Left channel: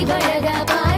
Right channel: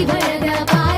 Viva y agrava